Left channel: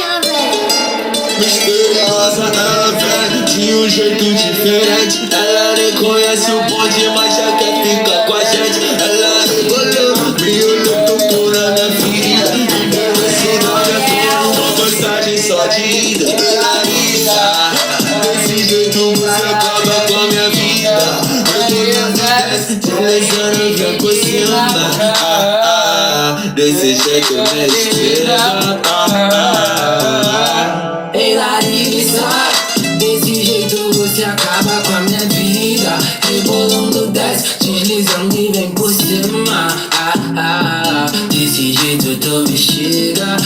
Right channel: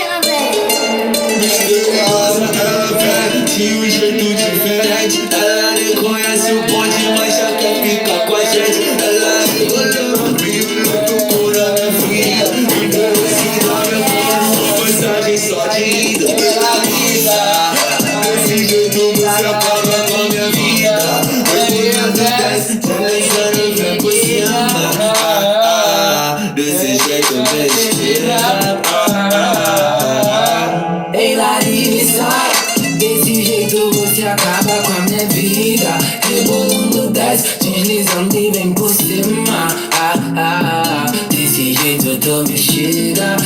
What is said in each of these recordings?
ela vem. Misteriosa, ela vem de um jeito diferente. Ela nem conhece o bonde, mas já quer ficar com a gente. Ela rebolou, me olhou, tocou na minha ferida. Me deu esse nome, agora uma passagem só de ida. Ela desse jeito você acaba com a minha vida. Deslizando vem por cima. Desse jeito me chega. Ei Larissa, desse jeito você acaba com a minha vida. Rebolando desce, deslizando e vem por cima. Desse jeito tu me chega.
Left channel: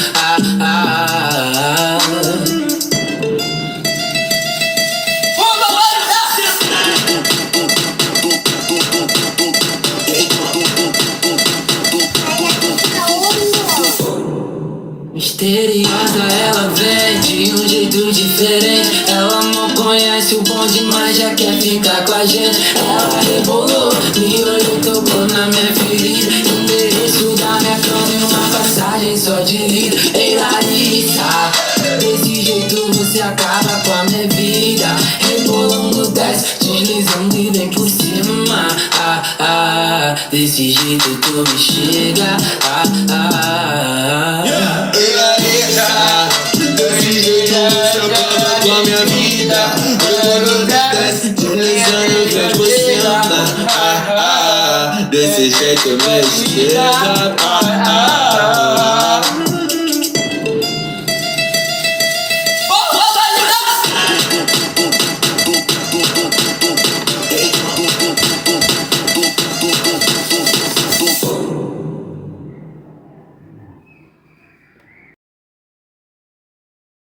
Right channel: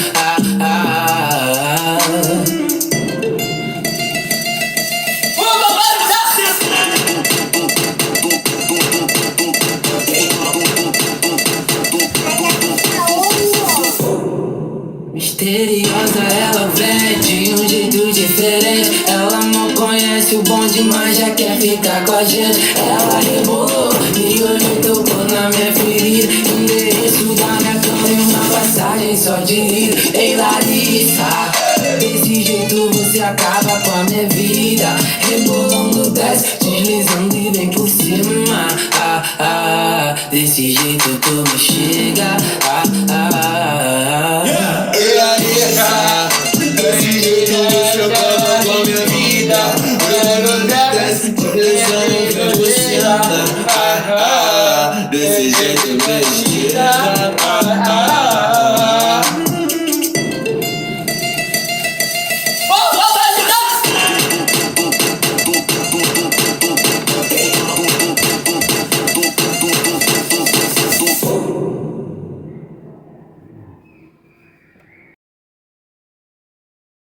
Misteriosa, ela vem de um jeito diferente. Ela não conhece o bonde, mas já quer ficar com a gente. Ela rebolou, me olhou, tocou na minha ferida. Endereço da minha cama e uma passagem só de ida. Ei Larissa, desse jeito você acaba com a minha vida. Rebolando desce, deslizando e vem por cima. Desse jeito tu me chega.